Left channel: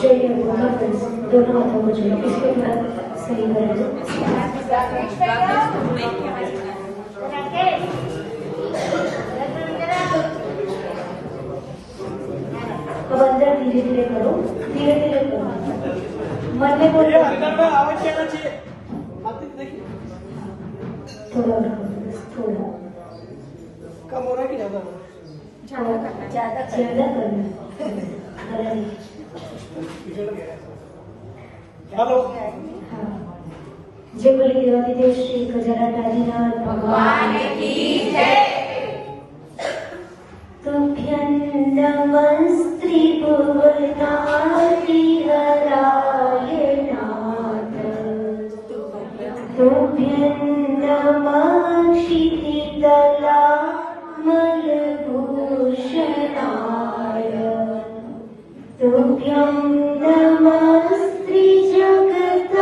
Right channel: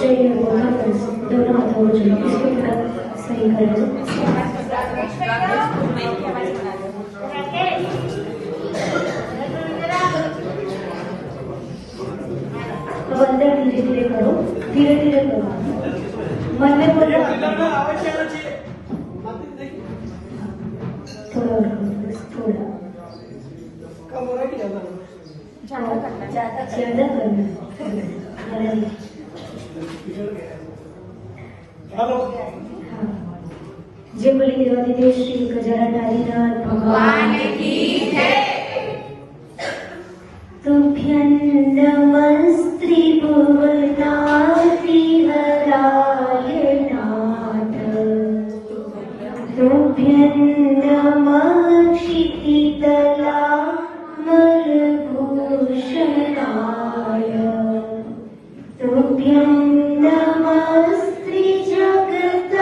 चाहिए दोनों हाथों को चाहिए इसकी तरफ सही करें। अब अंदर धीरे धीरे करो, धीरे धीरे करो, मन में बोल थोड़ा थोड़ा ज्यादा करना। जय बोले देवादिदेव श्री गजानन भगवान की जय। तुभ्यं नमस्ते भुवनादि हराय नाथ, तुभ्यं नमः क्षितितला तुभ्यं नमस्ते जगत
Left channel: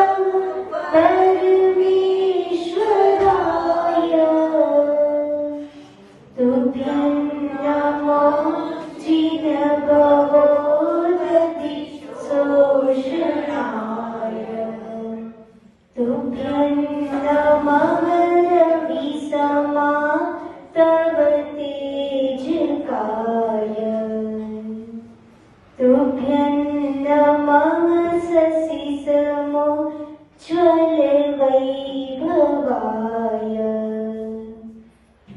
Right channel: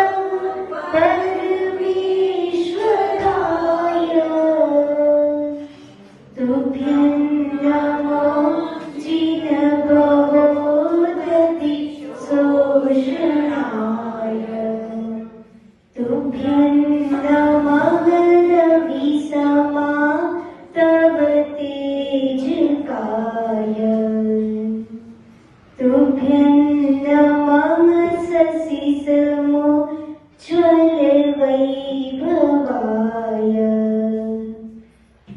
परमेश्वराय, तुभ्यं नमो जिनभवोदधि शोषणाय, तुभ्यं नमः रविसमा तव तेजकाय, तुभ्यं नमः शशिसमो ज्वलवैभवाय,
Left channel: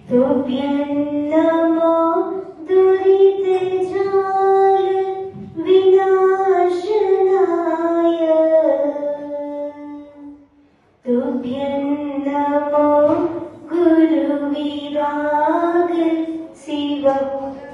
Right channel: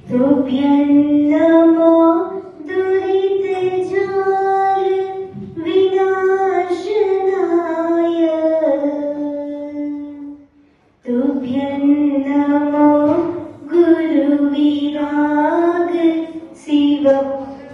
तुभ्यं नमो दुरितजार विनाशनाय, तुभ्यं नमो गुरुविराग शिवप्रदाय।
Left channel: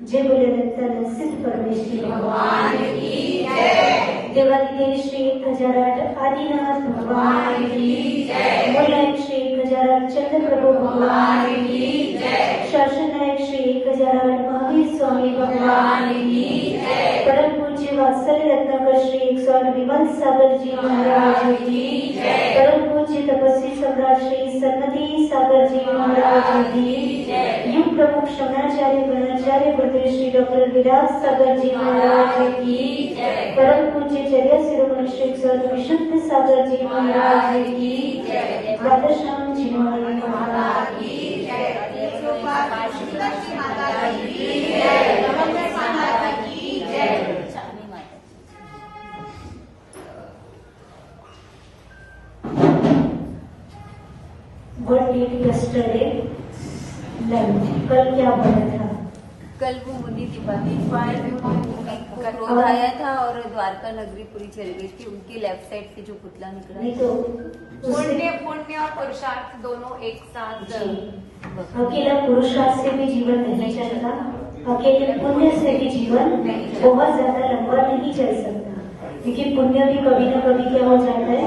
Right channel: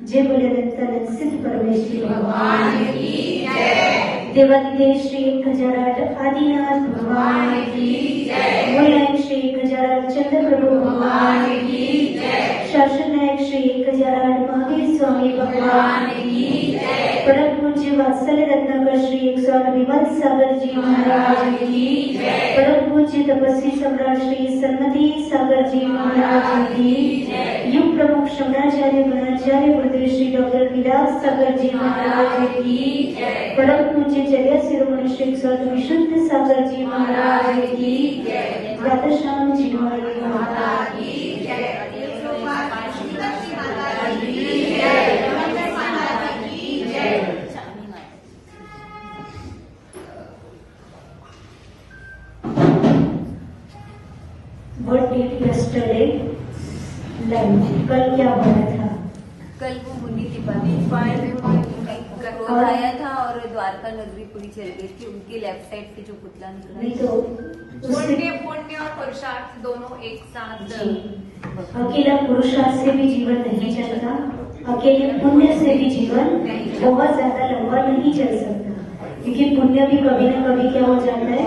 जय बोले अनंत सिद्ध परमेश्वरी भगवान की जय। देवादिदेव श्री गजानन आदिनाथ भगवान की जय। मूलनायक श्री गजानन चंद्र प्रभु भगवान की जय। शासन नायक श्री गजानन महावीर स्वामी भगवान की जय। परम पूज्य वात्सल्य रत्नाकर श्री स्वामी विमल सागर जी महाराज की जय। परम पूज्य तपस्वी सम्राट श्री सन्मति सागर जी महाराज की जय। युग प्रमुख शंकराचार्य गणाचार्य गुरुदेव श्री डॉक्टर विराज सागर जी महाराज की जय। परम पूज्य चर्या शिरोमणि श्री स्वामी विशुद्ध सागर जी महाराज की जय। द्वादशानंद जी महाराज की जय। What did yesterday learn? कल क्या पढ़ा था? कल वो मुनि की बात और आया था और द्वारका नगरी पूरी चली गई थी। उनकी लेफ्ट साइड से जो पुतला निकला नहीं तो पुण्य और पुरुषार्थ दोनों एक साथ। अकेला पुरुषार्थ से भी जीवन नहीं चलता, अकेले पुण्य से भी जीवन बहुत ज्यादा लंबा नहीं चल सकता, क्योंकि पुण्य भी कभी न कभी क्या हो जाता है,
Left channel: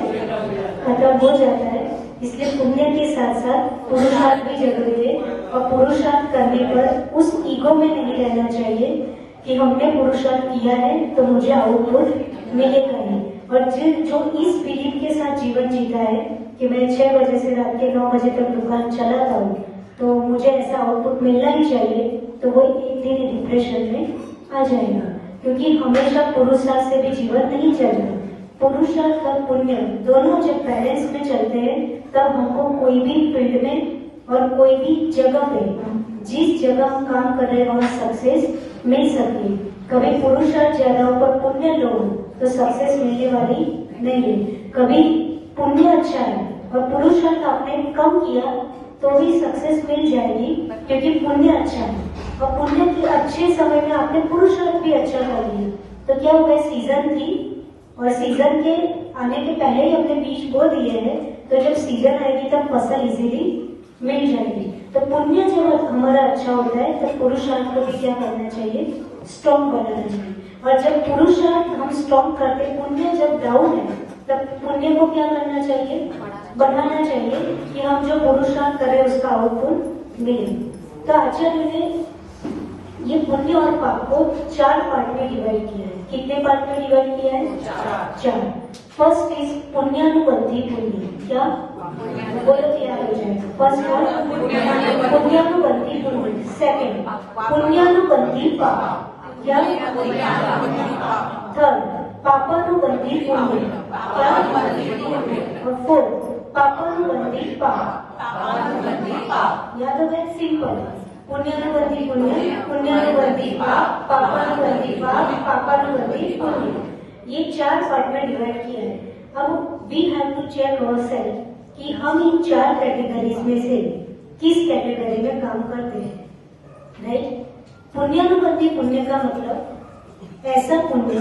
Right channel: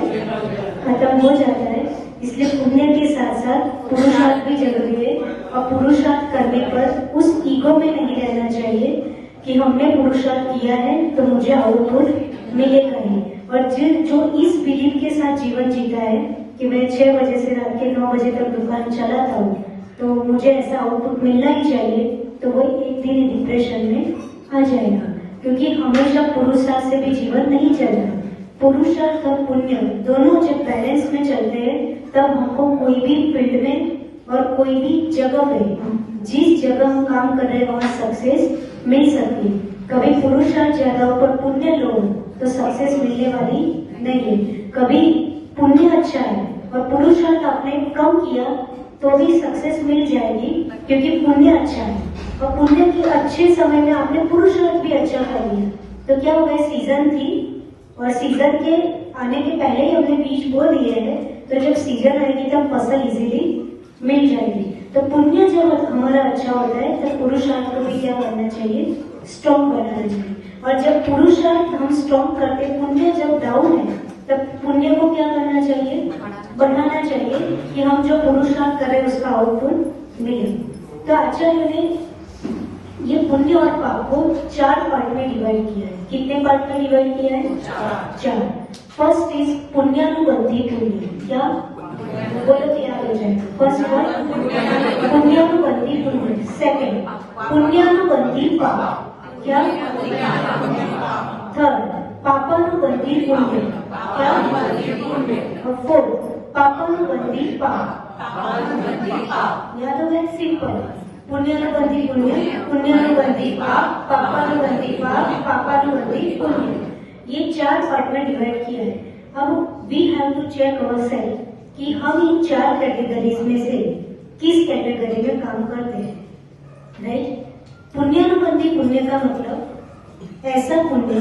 खत्म हो जाता है। इसलिए पुण्य के साथ साथ पुरुषार्थ भी जरूरी है, और पुरुषार्थ करने पर उस ईगो में नहीं रहना चाहिए कि हमने पुरुषार्थ किया है तो मुझे आउटपुट मिलेगा नहीं। और जो इस बिलीफ के साथ जीवन जीता है कि मैं 6 बजे से रात के 9 बजे तक दुकान चलाता हूँ तो मुझे ऐसा आउटपुट मिलना ही चाहिए, तो वो एक दिन डिप्रेशन में आ जाएगा, क्योंकि हमेशा पुरुषार्थ से भी जीवन नहीं चलता। पुरुषार्थ और पुण्य दोनों जब बैलेंस में चलते हैं तब हमको कोई भी फील्ड में और कोई भी जगह पे, जिस जगह हम काम कर रहे हैं वहाँ सक्सेस मिल सकती है। कभी पुरुषार्थ ज्यादा पर पुण्य लो तो सक्सेस मिलने वाली नहीं है। कभी पुण्य अच्छा है और पुरुषार्थ आपने कम किया तो भी सक्सेस मिल जाएगी, क्योंकि पुण्य अच्छा है। और पुण्य के अच्छे समय में आपने पुरुषार्थ भी अच्छा कर लिया तो क्या हो गया, सीजन थी और सीजन के आने के पहले ही हमने बीज बो दिए हैं, तो जब सीजन आएगी तब फसल इजीली मिल जाएगी। तो पुण्य जब हमारा अच्छा होता है तो पुरुषार्थ को भी क्या करना चाहिए, स्ट्रॉन्ग बनाना चाहिए। और जब पुरुषार्थ हम स्ट्रॉन्ग करते, पुण्य जब डाउन है तब पुण्य को क्या करना चाहिए, बढ़ाना चाहिए कि हम जो पुरुषार्थ करें उसका आउटपुट मिले। तो आचार्य ने ये पुण्य और पाप को 4 पार्ट में डिवाइड किया है। कितने पार्ट में डिवाइड किया है, 4। फर्स्ट इज पुण्यानुबंधी पुण्य। क्या बोलो तो याद हो जाए। फर्स्ट वर्ड पुण्यानुबंधी पुण्य। सेकंड पुण्यानुबंधी पाप। क्या? थर्ड, पापानुबंधी पुण्य। क्या? फोर्थ, पापानुबंधी पाप। याद हो गया? सिंपल। पुण्यानुबंधी पुण्य, पुण्यानुबंधी पाप, पापानुबंधी पाप, पापानुबंधी पुण्य। ये 4 पार्ट में डिवाइड किया है। अब we have to check ourselves कि हम इन 4 कैटेगरीज में से किस कैटेगरी में काम करते हैं, राइट? पुण्यानुबंधी पुण्य का मतलब ऐसा पुण्य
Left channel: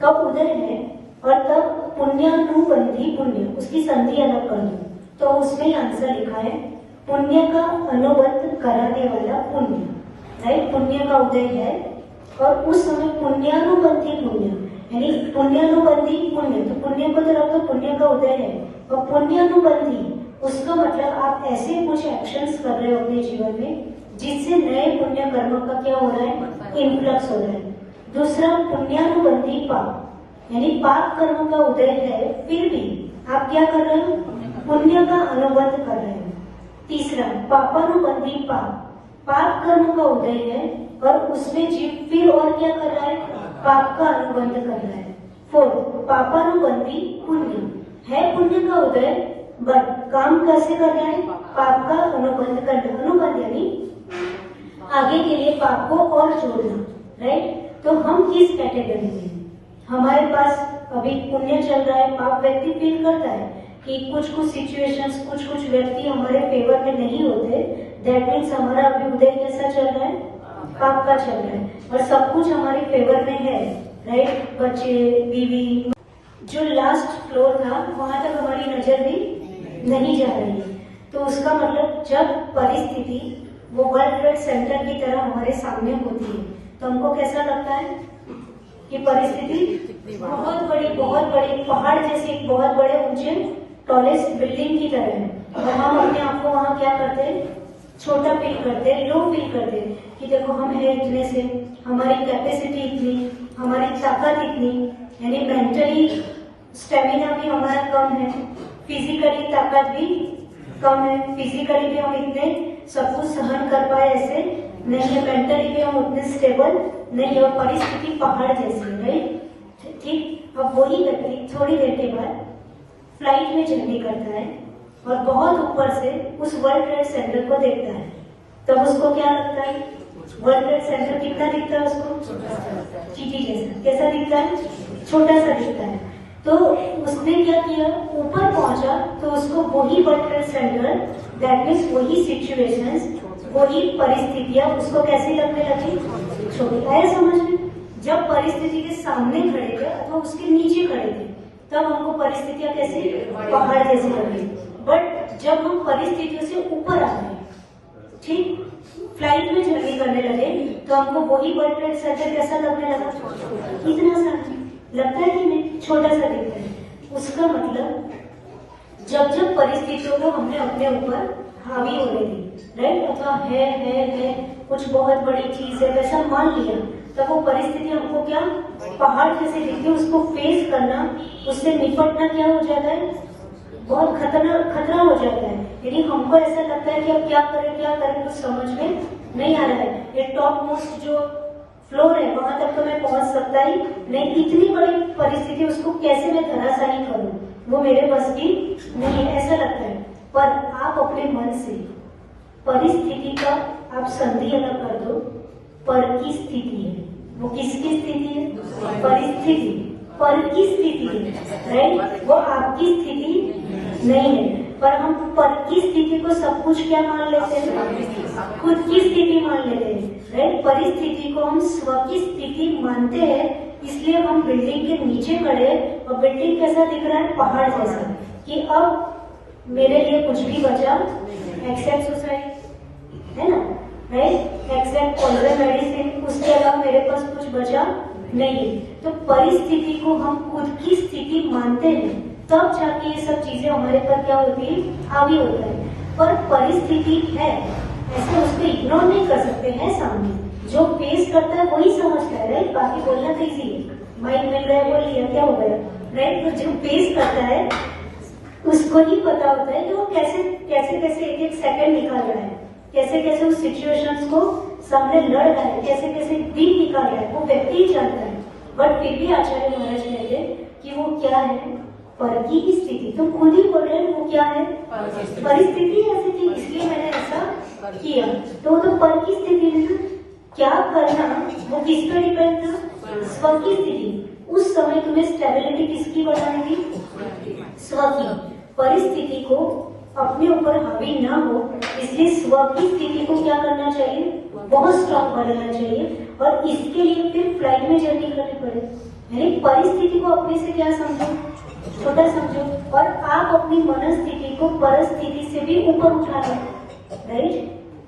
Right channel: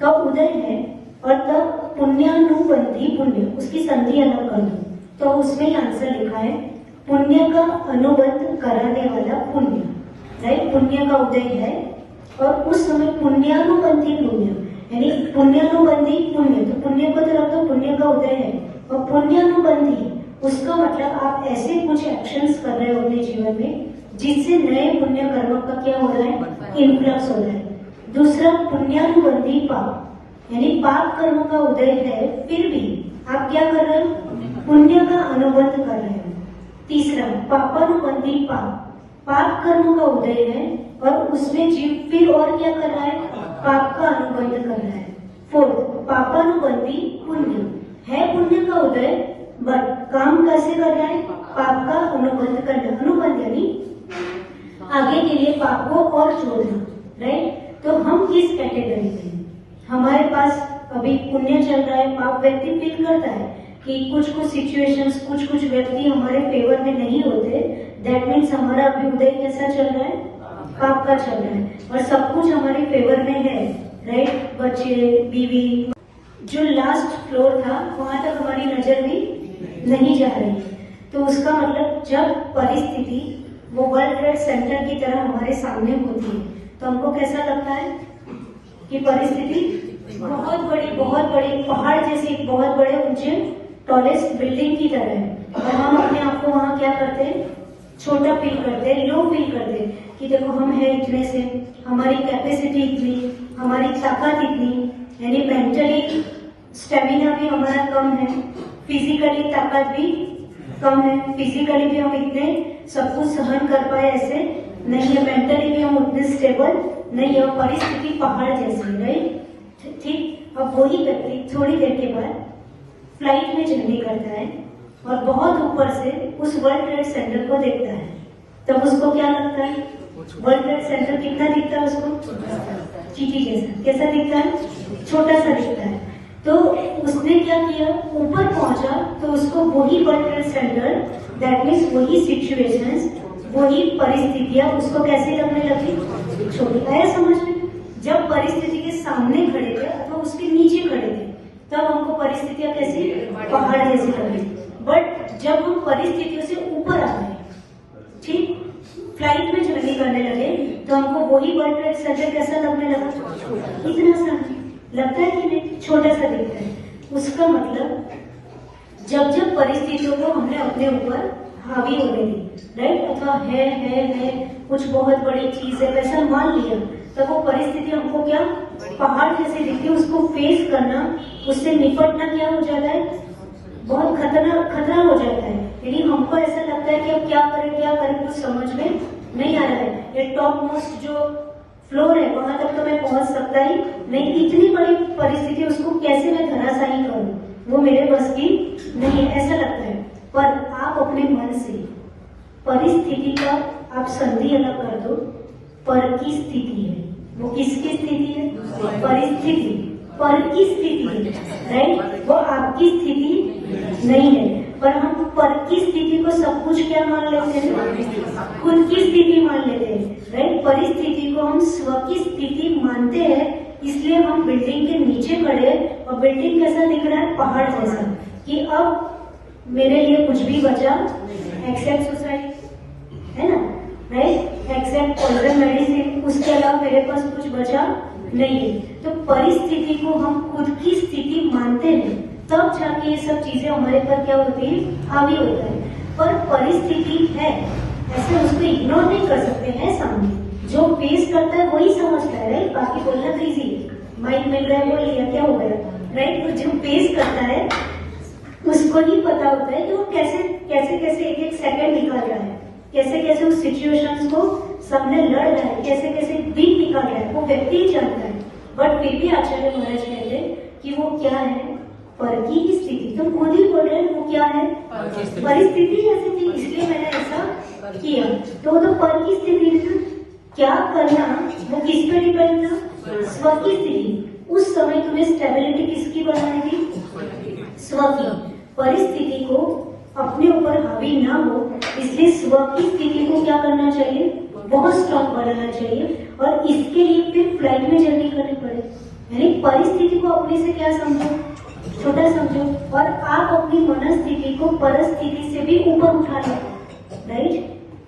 का उदय है और तब पुण्यानुबंधी पुण्य, उसकी संधि अलग कर दो तो उसमें आंसर लिखा है पुण्य का अनुबंध कराने वाला पुण्य, राइट? पुण्य का उदय है और उस समय पुण्यानुबंधी पुण्य, यानी पुण्यानुबंधी पुण्य, तो पुण्य को तो रखो, पुण्य का उदय है। और पुण्यानुबंधी, उसका मतलब आप ऐसे कुछ एक्शंस कर रहे हो अपने जीवन में जिससे नए पुण्य कर्म का क्या हो रहा है? इन्फ्लक्स हो रहा है। दूसरा, पुण्यानुबंधी पाप, यानी पाप कर्म का उदय है फिर भी आप क्या कर रहे हो? पुण्य का अनुबंध कर रहे हो। तीसरा, पापानुबंधी पाप, पाप कर्म का उदय है और उसमें जीव फिर और क्या कर रहा है? पाप का अनुबंध कर रहा है। फोर्थ, पापानुबंधी पुण्य, है पुण्य का उदय बट काम कैसे कर रहा है? पाप का अनुबंध करना। अनुबंध यानी आगे के लिए पाप को और जोड़ना, राइट? तो हम किस कैटेगरी में? हमारे पास अभी पुण्य चल रहा है, पाप व्यक्ति फील करता है कि कुछ कुछ सिचुएशंस, कुछ कुछ व्यक्ति हमारे फेवर में नहीं होते, दैट मीन्स हमारा अभ्युदय कैसा चल रहा है? पाप का चल रहा है। और सब कुछ हमारे फेवर में है, राइट? बच्चे, बीवी, जो लास्ट फ्लोर था वहां तक हमारी नजर भी नहीं जा रही है। तो उसका मतलब जब परिस्थिति वो वर्ल्ड ट्रेड सेंटर की तरह हमारे सामने होती है तो हमको कैसा लगता है कि परिस्थिति बहुत बड़ी पहाड़ जैसी, एक बहुत बड़े ऊंचे टॉलेस्ट बिल्डिंग की तरह है और हम अपने आप को वहाँ क्या करते हैं? छोटा फील करते हैं, लो फील करते हैं कि देखो हम है इतने से, हमारी कैपेसिटी इतनी, हमारी ताकत इतनी, यानी मेंटली स्टेमिना भी हमारा कम है, फिजिकली ताकत भी कम है, फिजिकली भी हम इतने सब कुछ सहन कर पाए ऐसे नहीं है, मेंटली भी हम उतने स्टेबल नहीं है, परिस्थिति पहाड़ जैसी, राइट? ठीक। अब वही व्यक्ति थोड़ी देर के बाद फ्लाइट में जर्नी करता है और बहुत ऊपर से उस वर्ल्ड ट्रेड सेंटर को देखता है, तब उसको क्या लगता है? वर्ल्ड ट्रेड सेंटर कितना दिखता है उसको? चींटी जैसा। कैसा दिखता है? छोटा सा दिखता है। तो उसने क्या किया? ऊपर पहुंचा तो उसको वही world trade centre, that means वही सिचुएशंस, वही परिस्थितियां उसको कैसी लगने लगी? छोटी। आया समझ में? जब परिस्थिति के सामने खड़े थे अथवा उसके नीचे खड़े थे तब हमको परिस्थितियां कैसी? पहाड़ जैसी लगी। बट जब हम परिस्थितियों से ऊपर आ गए, ठीक, फ्लाइट में जर्नी करने लगे तो हमको वही वर्ल्ड ट्रेड सेंटर कैसा लगने लगा? इतना सा लगता है कि नहीं? छोटा सा दिखता है। उसका मतलब जब जब परिस्थितियों को हमने अपने ऊपर हावी होने दी, राइट, अथवा है कुछ बहुत बड़ी चीज है ऐसा मान लिया, तब वो परिस्थिति हमको क्या? पहाड़ जैसे दिखती है। उसको फेस करना, उससे निपटना क्या हो जाता है? बहुत खतरा हो जाता है। यानी हमको ऐसा लगता है कि अब क्या करें कुछ समझ में नहीं आ रहा है। ये टॉप मोस्ट जो फ्लोर है वहां तक तो मैं पहुंच सकता ही नहीं, इतनी बड़ी परिस्थिति उसको कैसे मैं धराशायी करूं, वो मेरे बस की नहीं, ऐसा लगता है। पर आप अपने मन से परिस्थिति का आप संधि अलग कर दो, पर की स्थिति है, वो किसकी स्थिति है? परिस्थिति, पर की स्थिति है, राइट? वो आपकी स्थिति नहीं है। पर हम पर की स्थिति को सब कुछ क्या मान लेते हैं? खुद की स्थिति मान लेते हैं, राइट? परिस्थिति को हम स्व की स्थिति मानते हैं, इसलिए हम बिल्डिंग के नीचे खड़े और बिल्डिंग कैसा दिख रहा है? पहाड़ जैसा, कि अब मेरे लिए कुछ भी बचा एक्सेप्ट सुसाइड, है ना, राइट? एक्सेप्ट पॉइजन मेडिसिन, उसके अलावा मेरे पास कुछ बचा नहीं है। तो परिस्थिति को हम खुद की स्थिति मानते हैं, तब जाके ये सब चीजें हमारे पर क्या होती है? हावी होता है। पर परिस्थिति है, ऐसे उसको इग्नोर नहीं कर सकते हैं। सामने जो फेस करता है वही समझता है, राइट? बाकी बोलना तो इजी, माइक मिल रहा है वो ये क्या हो गया, राइट? तो जो फेस करता है उसको ही पता होता है कि वो कैसे एक सेकंड निकाल रहा है, कैसे उस सिचुएशंस को सामने लड़ रहा है, कैसे कैसे दिन निकाल रहा है, वो व्यक्ति ही जानता है। बट फिर भी आचार्य महाराज कहते कि वो क्या है, पर की स्थिति। तुम खुद ही बोल रहे हो वो क्या है, परिस्थिति ऐसे की, इसलिए मैंने ऐसा किया। तो पर की स्थिति है, क्या करना वो किस पर डिपेंड था, स्व की स्थिति। उस समय तुम्हें स्टेबिलिटी किसकी बनानी थी, स्व की। परिस्थिति को अपने ऊपर हावी ना हो, इसलिए स्व की स्थिति को क्या करना चाहिए, बहुत स्ट्रॉन्ग बनाना चाहिए। और इसके लिए फिर फ्लाइट में जर्नी करनी पड़े, यानी परिस्थिति को अपने से क्या समझो, छोटा समझो, और आप अपनी मनस्थिति को परिस्थिति से भी ऊपर उठा लो। राइट,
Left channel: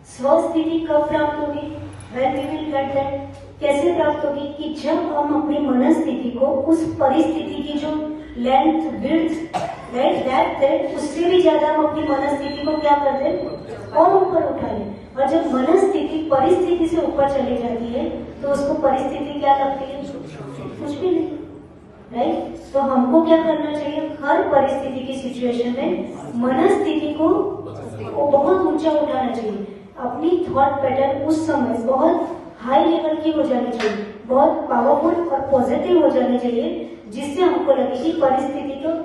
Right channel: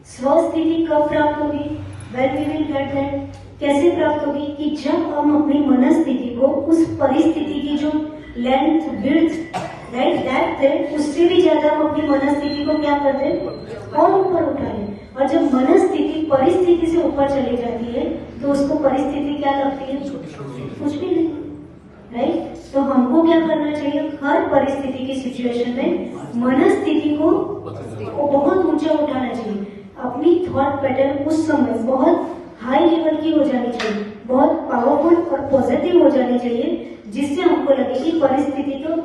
स्व स्थिति कब प्राप्त होगी, when we will get that, कैसे प्राप्त होगी, कि जब हम अपनी मनस्थिति को उस परिस्थिति की जो लेंथ, विड्थ, राइट, दैट उससे भी ज्यादा हम अपनी मनस्थिति को क्या करते हैं, और ऊपर उठाएं। और जब मनस्थिति परिस्थिति से ऊपर चली जाती है तो उसको परिस्थिति क्या लगती है, कुछ भी नहीं। राइट, तो हमको क्या करना चाहिए, हर परिस्थिति की सिचुएशन में मनस्थिति को बहुत ऊंचा उठाना चाहिए। अपनी थॉट पैटर्न उस समय बहुत हाई लेवल की हो जानी चाहिए, बहुत पावरफुल और पॉजिटिव हो जानी चाहिए, जिससे हमको लगे कि परिस्थिति तो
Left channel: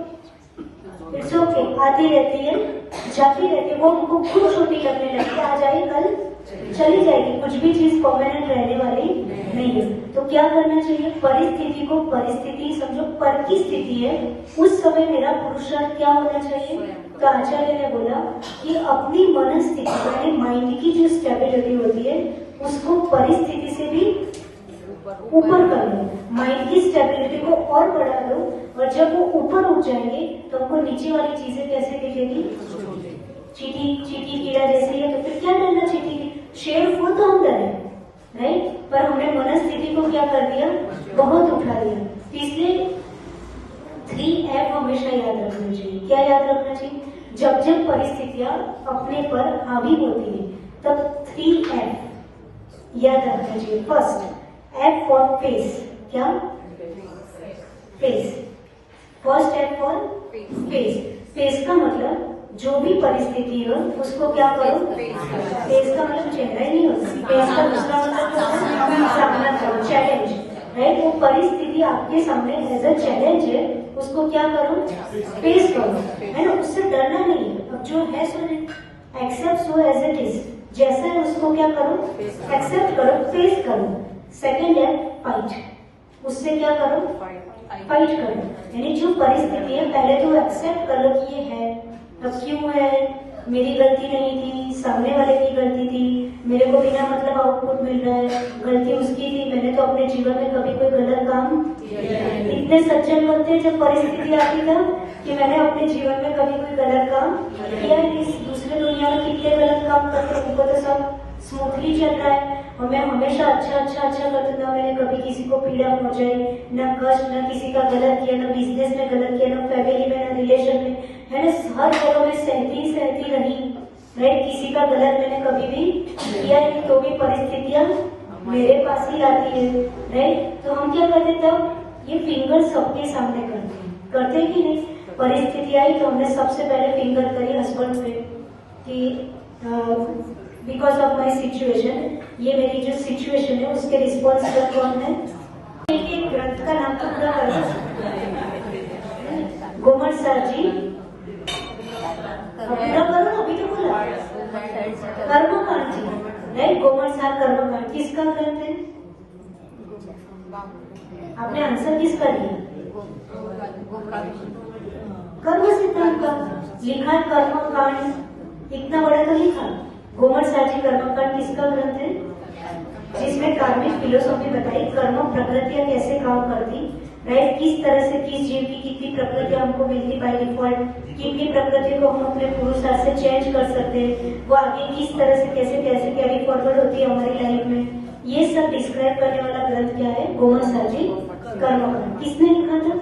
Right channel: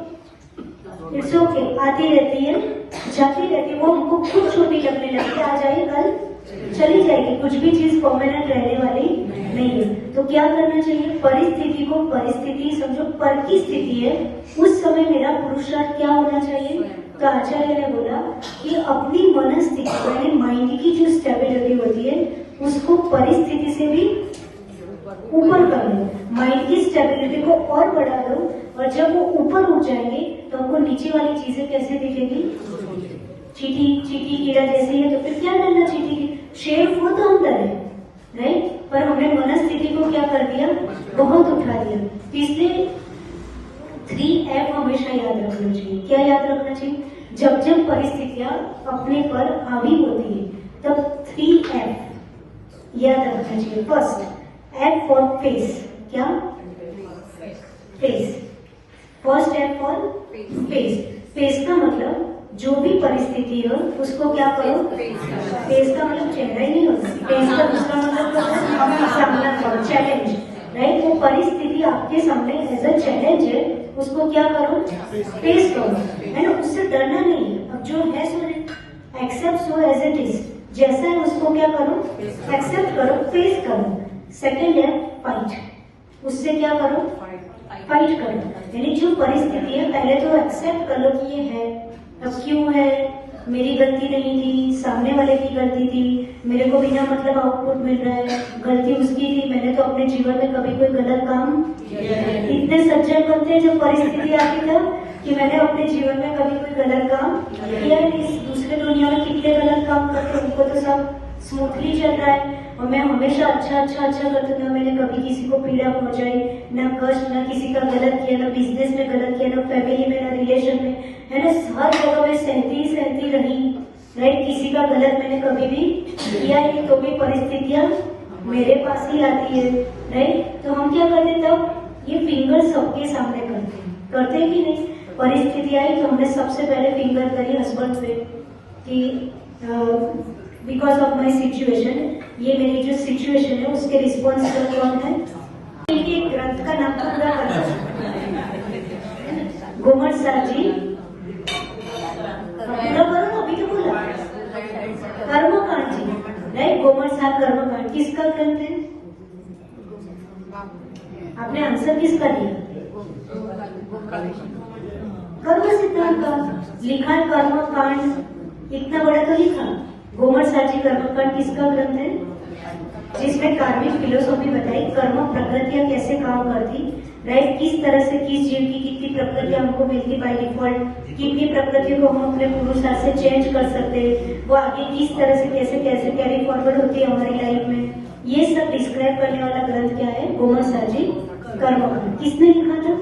इट्स ओके, आती रहती है, जाती रहती है, वो हमको खुद छोटी लगने लगती है, आज आई कल चली जाएगी, कुछ भी चीज परमानेंट रहने वाली नहीं है। तो क्या करना चाहिए, परिस्थिति को परिस्थिति समझो, पर की स्थिति है, उस समय मेरा पुरुषार्थ क्या होना चाहिए। तो आचार्य ने बोला कि अपनी मनस्थिति यानी माइंड की जो स्टेबिलिटी होती है उसको परिस्थिति से भी ऊपर कर लो, माइंड की स्टेबिलिटी को और बढ़ा दो, और जब वो ऊपर उठ जाएंगे तो हमको नीचे वाली चीजें कैसे दिखेगी, चीटी कीड़ा जैसी है। तो फिर क्या करना, चीटी की शेप वो तो अंदर है, राइट, पर हमने मनस्थिति को क्या कर दिया, बहुत उठा दिया। इसलिए 3F हमेशा याद रखना चाहिए। क्या याद रखना चाहिए, जब जब परिस्थितियां अपने पर हावी होती है तब 3F याद रखना चाहिए। फर्स्ट F फॉर फेस, क्या, face, first F for face. Face का मतलब जो भी परिस्थिति हो उसको क्या करो, फेस का मतलब चेहरा ही नहीं होता, फेस का दूसरा मतलब सामना करो, चैलेंज। राइट, वो परिस्थिति आपके सामने एज अ चैलेंज है, उसको क्या करो, फेस करो, है ना, उससे डरना नहीं है। अब जो है सो accept so as it is, जैसा है उसको क्या करो, एक्सेप्ट करो, फेस करो। सेकेंड है फाइट, उससे क्या करो, फाइट करो, यानी जो परिस्थिति है पहले तो एक्सेप्ट कर लो कि ये है, अब क्यों है, मेरी गलती नहीं थी, सामने वाले की गलती थी, मेरे को बिना मतलब आउटपुट मिल रहा है, गलती उसकी थी, मैंने तो अपने जीवन में कभी कोई गलत काम। इतने सज्जन बनते हैं जब परिस्थिति आती तब कि मैंने अपने जीवन में कभी कोई गलत काम किया है। इस दूसरे दुनिया में कितने गलत काम करते हैं, उनको तो सब स्मूथली चल रहा है, और मैं हमेशा अच्छा करती हूँ, मैंने कभी किसी को पीड़ा पहुंचाई, न कष्ट, न किसी का गलत किया, न बिजनेस में गलत किया, न फैमिली में, न रिलेशन में, है ना, हर जगह में सहती रही। राइट, किसी का गलत मैंने कभी भी किया नहीं, तो भी परिस्थितियां मेरे पास ही आती है। राइट, तो हम क्या करते तब, ये फिंगर सबके सामने करते कि नहीं, परिस्थिति आई तो हमने सबसे पहले फिंगर करी हस्बैंड पे कि बिकॉज ऑफ माई सिचुएशन, ये मेरी जो सिचुएशन है उसके रिस्पॉन्सिबल कौन है। ये ग्रंथ का नाम तो पूरा गोमर सार जी, पूरा करो, अभी तो बोला कर्मकांड जी, राइट, गोमर सार कर्मकांड किसका ग्रंथ है, आपने आंसर किसका दिया, कर्म सिद्धांत का लिखा, कर्मकांड इतना बड़ा तो लिखा। गोमर सार जी कर्मकांड किसका ग्रंथ है, जिसमें कार्मिक फिलोसॉफी बताई, कर्म प्रकृतियां कैसे काम करती, राइट, किस तरह से किस जीव की कितनी प्रकृतियां हमको मिलती बाय डिफॉल्ट, कितनी प्रकृति को हम अपने पुरुषार्थ से चेंज कर सकते हैं, वो आगे किस तरह से कैसे कैसे कैरी फॉरवर्ड होती है हमारी लाइफ में, ये सब डिस्क्राइब करने वाला ग्रंथ क्या है, गोमर सार जी कर्मकांड। किसने लिखा था,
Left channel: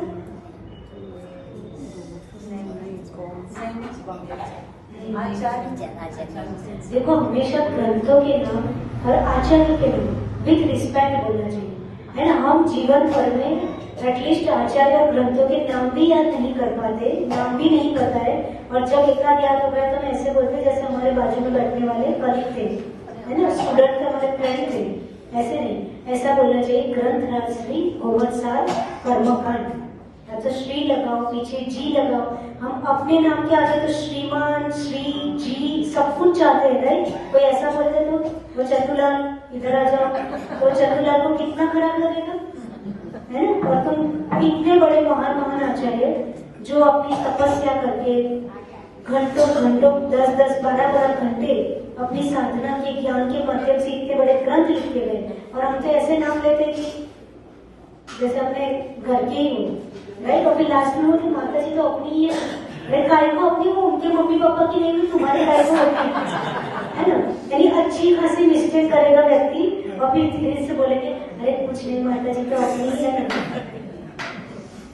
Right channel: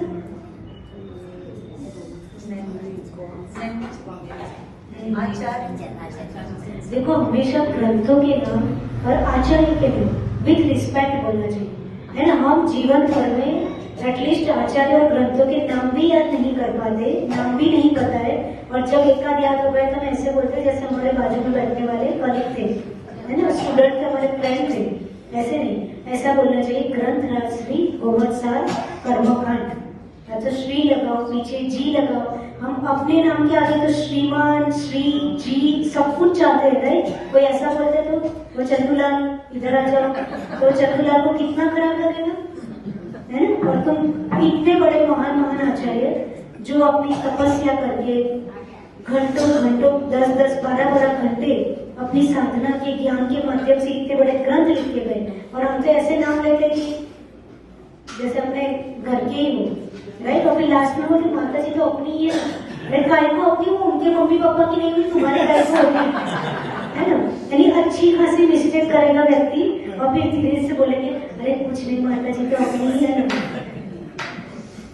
आचार्य। देखो हमेशा ग्रंथों के नाम और आचार्य के नाम विथ रिस्पेक्ट बोलना चाहिए, है ना। हम जीवन भर में एटलीस्ट आचार्य और ग्रंथों के नाम भी याद नहीं कर पाते, नाम भी नहीं पता है, और जब एक आध याद हो गया तो हम ऐसे बोलते जैसे हमारे बाजू में बैठने वाले कलीग थे, है ना, स्टूडेंट का हमारे फ्रेंड थे, ऐसे नहीं, ऐसा बोलना चाहिए ग्रंथ श्री गोवत्सार कर्मकांड। तो श्री लगाओ, पीछे जी लगाओ। हम अपने नाम के आगे तो श्रीमान, श्री, जी सब कुछ चाहते हैं, राइट? कोई ऐसा बोलते तो वो चंदूलाल इधर आ जाओ, वो चंदूलाल को कितना खराब लगेगा, है ना? और तुम इतने बड़े महान महान आचार्य जो अपनी तपस्या करके घंटों घंटों 10-10, 12-12 घंटे अपनी साधना के ज्ञान के माध्यम से इतने बड़े ग्रंथ लिख के गए, और हम तो ऐसे नाम लेते कि जैसे अपने घर के ही हो, राइट? अपनी लास्ट में हो कि माता जी तो अपनी ही है, गाय को अपनी हो, उनके मम्मी पापा की नहीं, तुम्हारे गाय को अपनी, है ना? यानी अच्छी खासी मिस्टेक करेगा व्यक्ति और फिर धीरे से बोलेंगे अरे कुछ नहीं, माता जी तो अपनी ही है,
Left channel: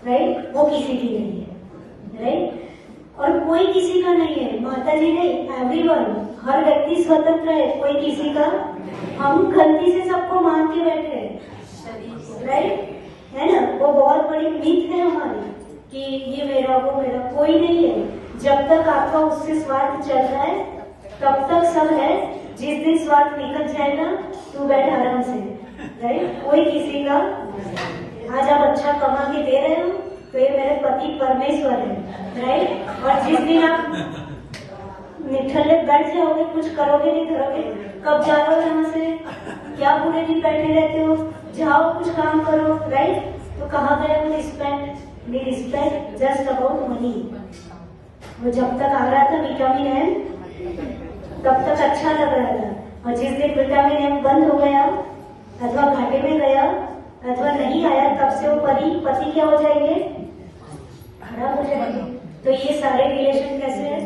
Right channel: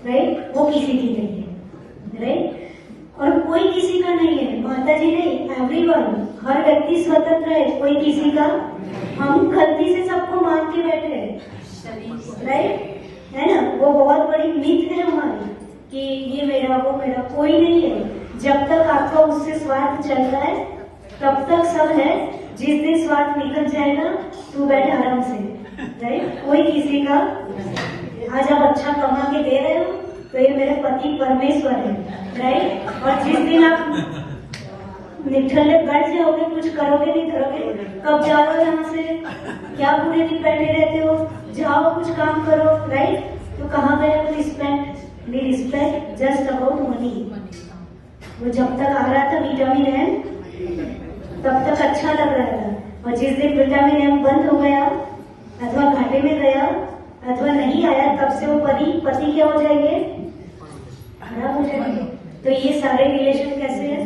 राइट? वो किसी की नहीं है, राइट? और कोई किसी का नहीं है, माता जी नहीं, एवरीवन, हर व्यक्ति स्वतंत्र है, कोई किसी का। हम गलती से सबको मान के बैठे हैं, राइट? है ना? वो बहुत बड़ी मीत है हमारी कि ये मेरा वो मेरा, कोई नहीं है। जब तक आपका उससे स्वार्थ चल रहा है तब तक सब है, जिस दिन स्वार्थ निकल जाएगा तू बैठ आराम से, राइट? कोई किसी का। आज आप अच्छा कमा के दे रहे हो तो ये मेरे पति परमेश्वर है, राइट? और जिस दिन आप निठल्ले बैठ जाओगे, कुछ करोगे नहीं करोगे, कब जाओगे यहाँ से? क्या पूरे दिन बैठे रहते हो? जाओ कुछ काम करो, राइट? तो कहाँ गए वो रिस्पेक्ट? मेरी रिस्पेक्ट जस्ट अबाउट मनी। वो जब तक आ रहा था विटामिन एम तब तक अच्छा लग रहा था, और जिस दिन विटामिन एम बंद हो गया अथवा घाटे में गया अथवा नहीं आया, तब से वो पति क्या हो जाएंगे? खराब हो जाएंगे। तो ये सारे रिलेशन कैसे है?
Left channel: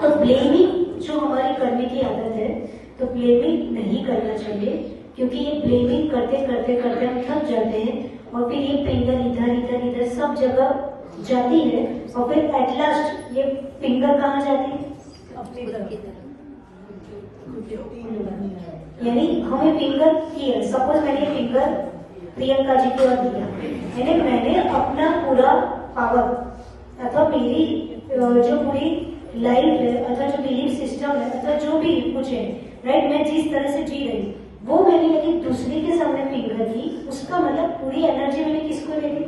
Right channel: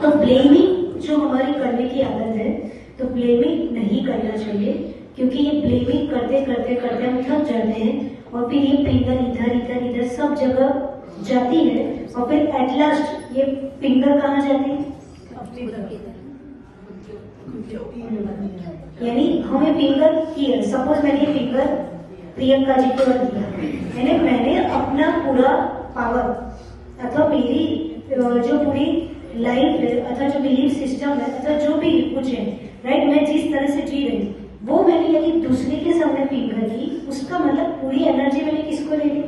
तो ब्लेमिंग जो हमारी करने की आदत है, तो ब्लेमिंग नहीं करना चाहिए, क्योंकि ये ब्लेमिंग करते करते करते हम थक जाते हैं, और फिर ये फिंगर इधर इधर इधर सब जगह जाती है, और फिर एट लास्ट ये फिंगर कहाँ जाती है? यानी हमें फिंगर किया, सपोज मैंने फिंगर प्रियंका जी को दिया, यानी मैंने अपना पूरा पावर अथवा मेरी जो पूरी लाइफ है अथवा जो बिलीफ सिस्टम है अथवा जो भी कुछ है, राइट, मैं जिस तरह से जी रही वो मैंने यदि दूसरे के सामने फिंगर की, उसका मतलब पूरी एनर्जी मैंने किसको दे दी?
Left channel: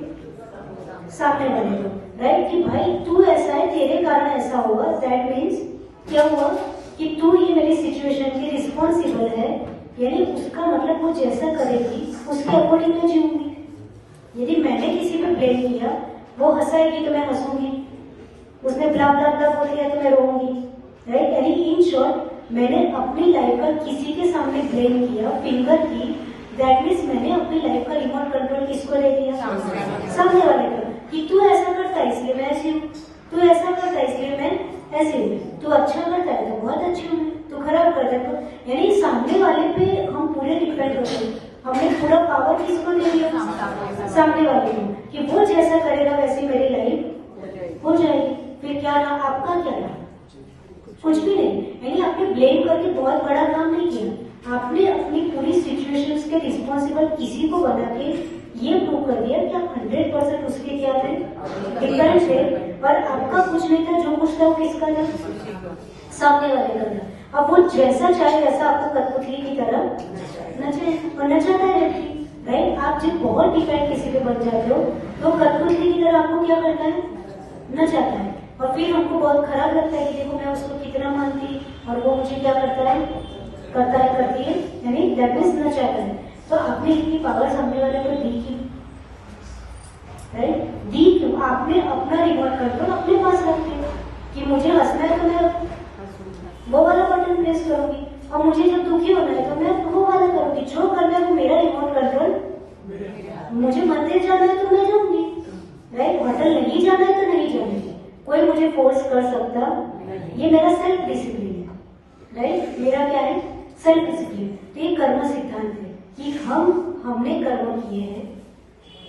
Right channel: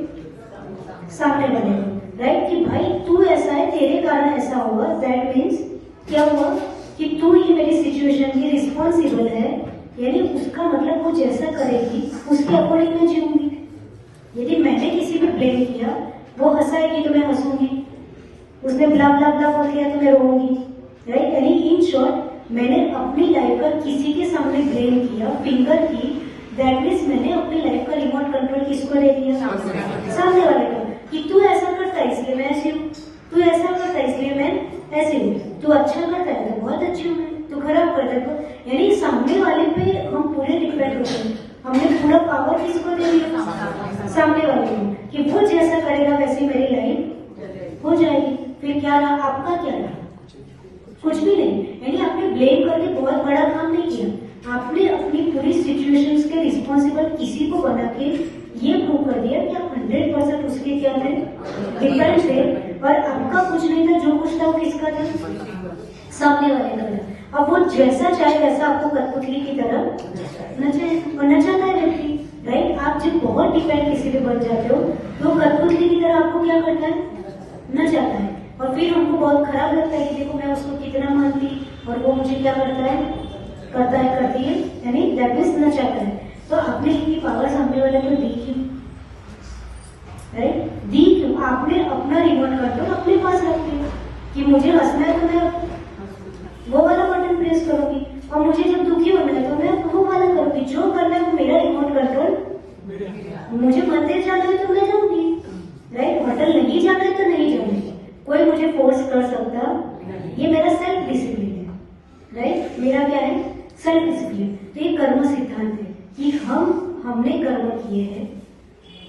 सामने वाले को, राइट? कि भाई तू ऐसा है, तेरे कारण ऐसा होगा। दैट मीन्स क्या हुआ कि तू ही मेरी सिचुएशन की रिस्पॉन्सिबल है, यानी उसका मतलब वो जैसा करेगी उसके अकॉर्डिंग मैं जीऊंगी। यदि मैंने किसी पे ब्लेम किया, वो हंसाएगी तो मैं हंसूंगी, उसने ब्ला ब्ला ब्ला बोल दिया तो मैं रोऊंगी, राइट? यानी इन शॉर्ट मैंने अपनी लाइफ पर किसी के सामने ब्लेम किया, फिंगर की, दैट मीन्स मैंने अपनी लाइफ का रिमोट कंट्रोल किसको दे दिया? सामने वाले का। कि तू ऐसा करता है इसलिए मैं ऐसी हूँ, तू ऐसा करता है इसलिए मैं ऐसी हूँ, तू अच्छा करता है तो बहुत अच्छी हूँ, तू खराब करता है तो, यानी सामने वाले पे हम पूरे डिपेंड होते हैं। हमने पूरा पावर किसको दे दिया? सामने वाले को, कि वो जैसा करेगा वैसे मेरी लाइफ हो जाएगी। फिर क्या रहा? आपका क्या रहा? कुछ भी नहीं। यानी आपने ब्लेम करके बहुत बड़ा काम नहीं किया, आपने अपनी पूरी सिचुएशंस के रिस्पॉन्सिबल किसी को बना के ये प्रूव कर दिया कि आप 100% उसके क्या थे? डिपेंड थे, और आपका कुछ नहीं था, जो कुछ था वो किसका था? सामने वाले का था। अब वो जैसा चाहे वैसा आपको कठपुतली की तरह नचे, और नचाता है व्यक्ति, राइट? आप जब बहुत डिपेंड किसी पे बन जाते हो तो कठपुतली की तरह आपको क्या करता है? नचाता है, और फिर हमको बहुत खराब लगता है कि देखो मैं उसको कितना मानती और वो मुझे क्या करता है? करती है, यानी दैट मीन्स नचाता है। तो आपने इतनी पावर सामने वाले को दी क्यों? राइट? दी क्यों? आपने अपना रिमोट कंट्रोल अपने पास रखी कि मुझे हंसना है तो मैं वो वाला बटन प्रेस करूंगी, और मुझे जब दुखी होना है तो मैं वो वाला करूंगी। जो करना है वो मेरा रिमोट कंट्रोल, मुझे मंदिर जाना है तो मैं जाऊंगी, राइट? होटल नहीं जाना है तो नहीं जाना, कोई मुझे फोर्स कर सकता, ये मेरा सेल्फ डिसिप्लिन है, राइट? मेरा क्या है? Self discipline. ये कर्म सिद्धांत है कि हमने कर्म किए हैं,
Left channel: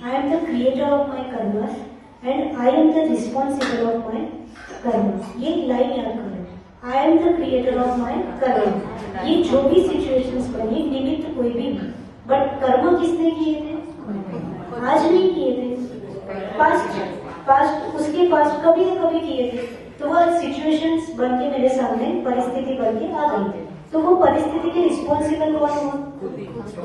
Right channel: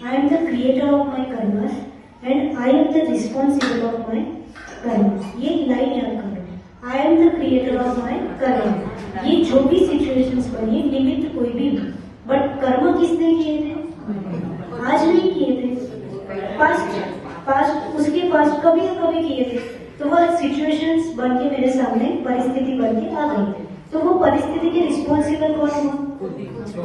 आई am the creator of my karmas and I am the responsible of my कर्म। ये लाइन याद करो, आई am the creator of my कर्म। ये जो भी सिचुएशंस बनी, निमित्त कोई भी, बट कर्म किसने किए थे? आज नहीं किए थे, पास्ट उसके पास्ट कभी न कभी किए थे। तो वह सिचुएशंस बन के मेरे सामने परिस्थिति बन के आ गई, तो वो परिस्थिति के रिस्पॉन्सिबल कौन है?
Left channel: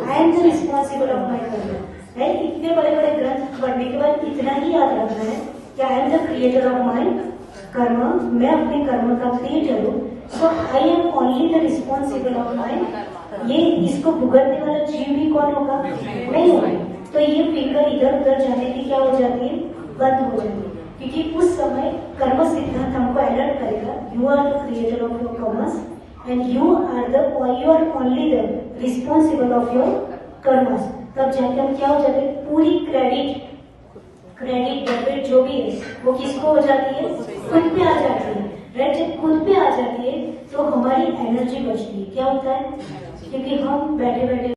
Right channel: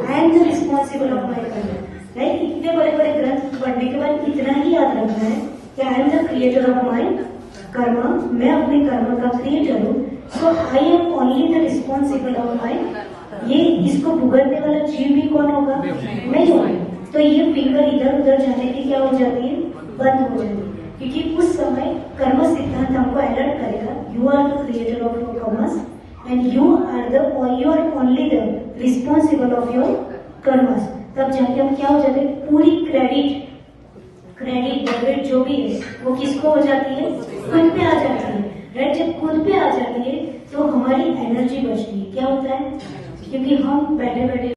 आई am the responsible of my कर्म, राइट। इतने बड़े बड़े ग्रंथ पढ़ने के बाद इतना ही याद रखना है कि I am the creator of my karma, मैं अपने कर्म का क्रिएटर हूँ। So I am only the responsible of my, ये इसको भुगतने वाला जीव भी कौन होगा? मैं हूँ। तो ये फिगर इधर उधर जाने की क्या हो जाती है? बंद हो जाती है, क्योंकि उस समय कर्म सिद्धांत हमको अलर्ट करेगा, you are the creator of your karmas and you are only the responsible of your karmas. तब जाके हम क्या हो जाते हैं? पूरी क्रेडिट डेबिट जो भी है वो किसको हो जाती है? खुद पे आ जाती है, राइट। जब खुद पे आ जाती है तो हमारी एनर्जी बचती है। क्या होता है? क्योंकि हम बैठे बैठे